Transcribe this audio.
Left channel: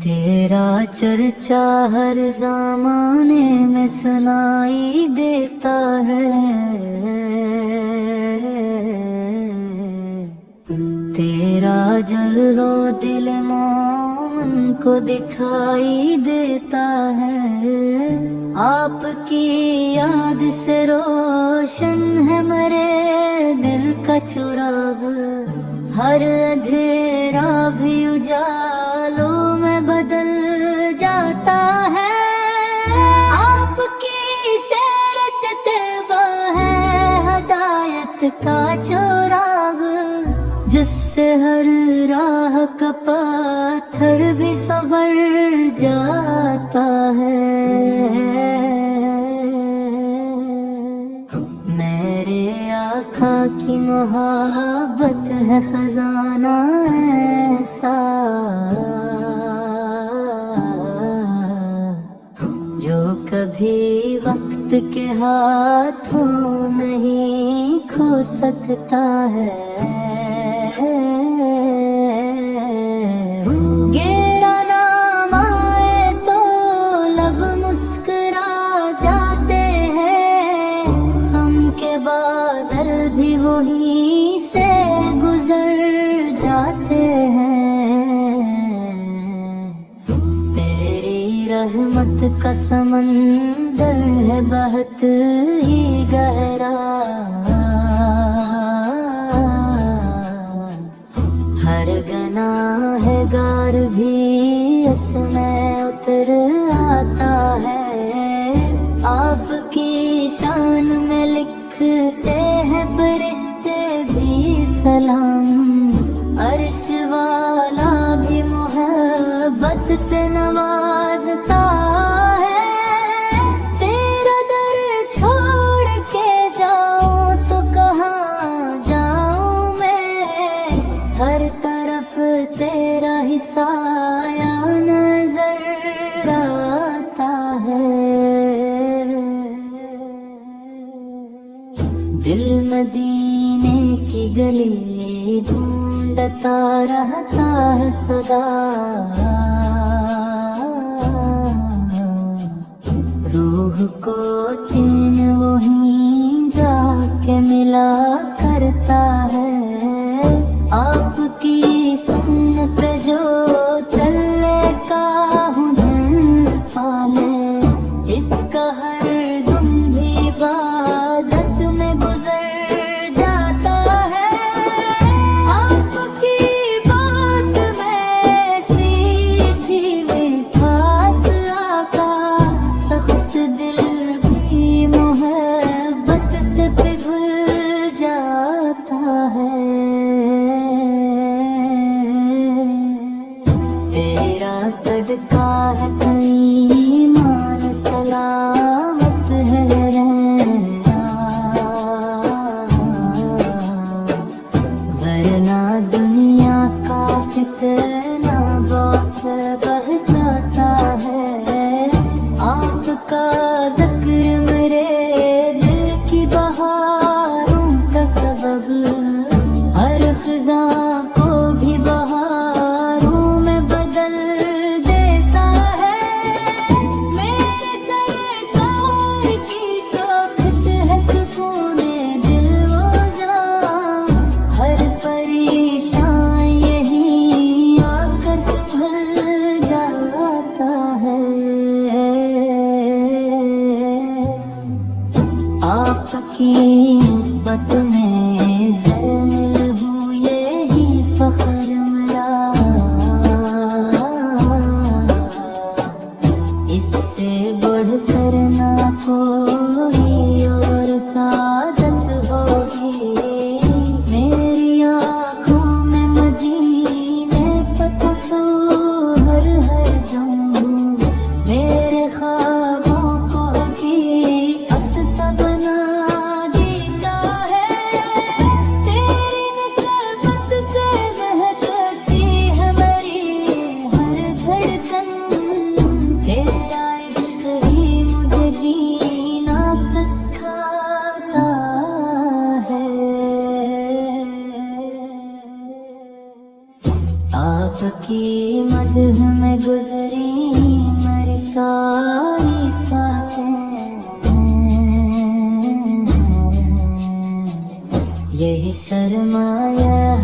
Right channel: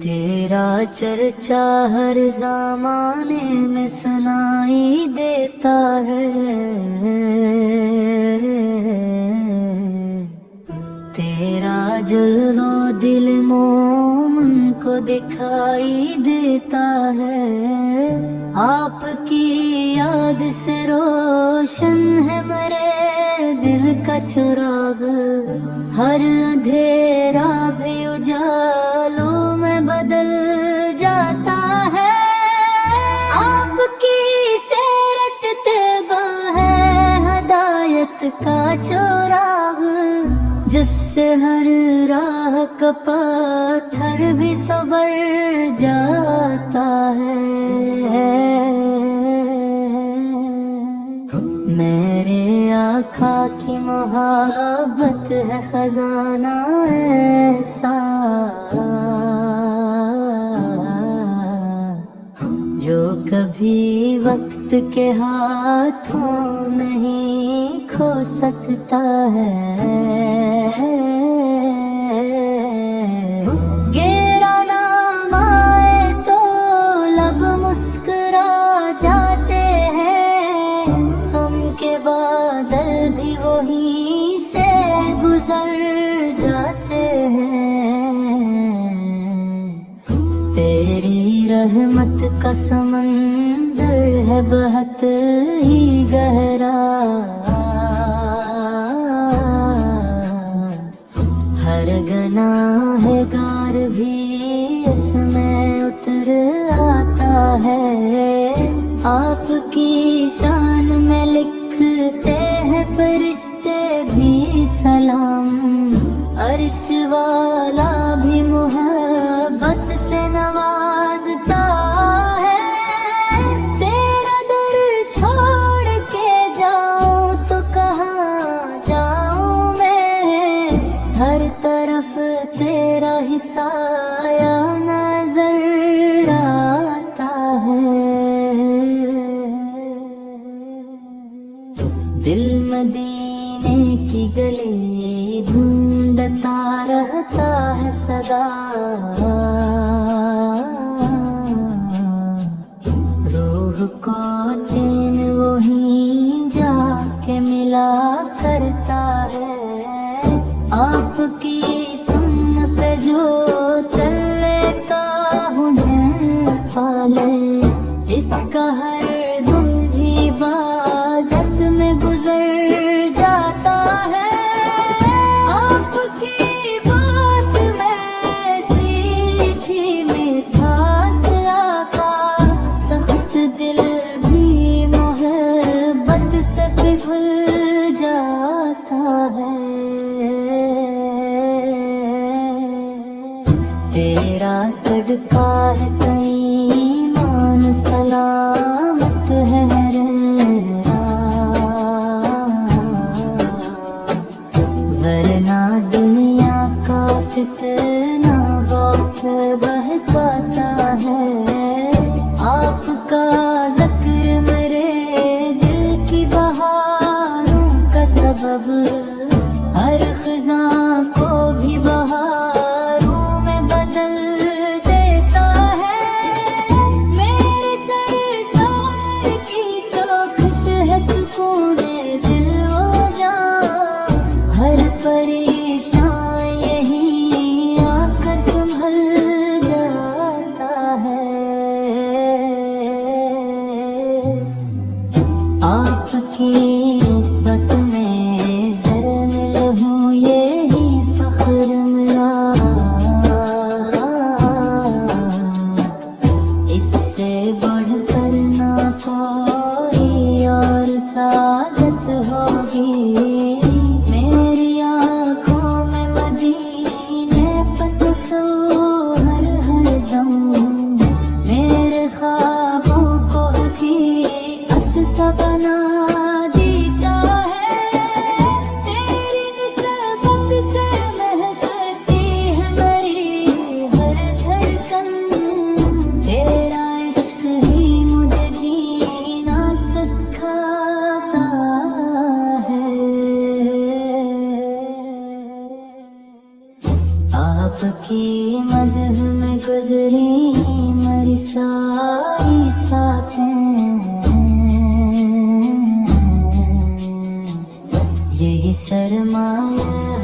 तेरा चर्चा हर ज़माने में सुनाई देता है। तेरा जल्लो दिल मोमन को दिखाई देता है। आपकी याद से रोशन है मेरे दिल का चुराग। हर अंधेरा भी उजालों में बदल जाता है। आपकी सीरत तैबा है हदायत का चुराग, जिससे हर राह का पत्थर भी संभल जाता है। मेरे आका की मोहब्बत है खजाना ऐसा, जो कभी वक्त के हाथों नहीं खो सकता है। गिरा नाम आए तो लब मुस्कुरा जाते हैं। हम के बादल भी वहीं से गुजर जाते हैं। तेरी रहमत का समंदर है बहुत ही गहरा। हर गुनाहगार भी इसमें उतर आता है। आपकी शान में लिखते हैं फरिश्ते भी सलाम। अर्श वाला भी मोहब्बत से नवाजता है। तेरा दर छोड़ के जाऊं तो कहाँ जाऊं मैं। हर तरफ तेरा ही साया नजर आता है। दिल मदीने की गली ढूंढता रहता है सदा। रूह को चैन वहीं जाके मिला करता है। आपकी सुन पे जो चले काहू धन पाले, इसका हर दुख भी इबादत में गुजर जाता है। आपकी बात में सीखी मिठास आका, सख्त दिल भी मोहब्बत से पिघल जाता है। तेरा सदका है कई मान सलामत है रहना, वरना दुनिया का फितना बहुत बहकाता है। आपका जिक्र मेरे दिल की बहारों का सबब, हर खिज़ां को भी बहारों में बदल देता है। मेरे सरकार की चौखट है सुकूने दिल वो जान। हर परेशान यही आकर संभल जाता है। आपकी मत में ज़मील हूँ यही फख्र मेरा। इससे बढ़कर ना कोई और सादत होगी। मेरी आँखों में मदीने का तस्वीर हर दम, मेरे ख्वाबों को हकीकत सा बना देता है। तेरी निस्बत से महकती है मेरी हर धड़कन। तेरा इश्क ही मुझे जीना सिखाता है। आपकी मदह में गुजरी मेरी सारी साखें, यही सरमाया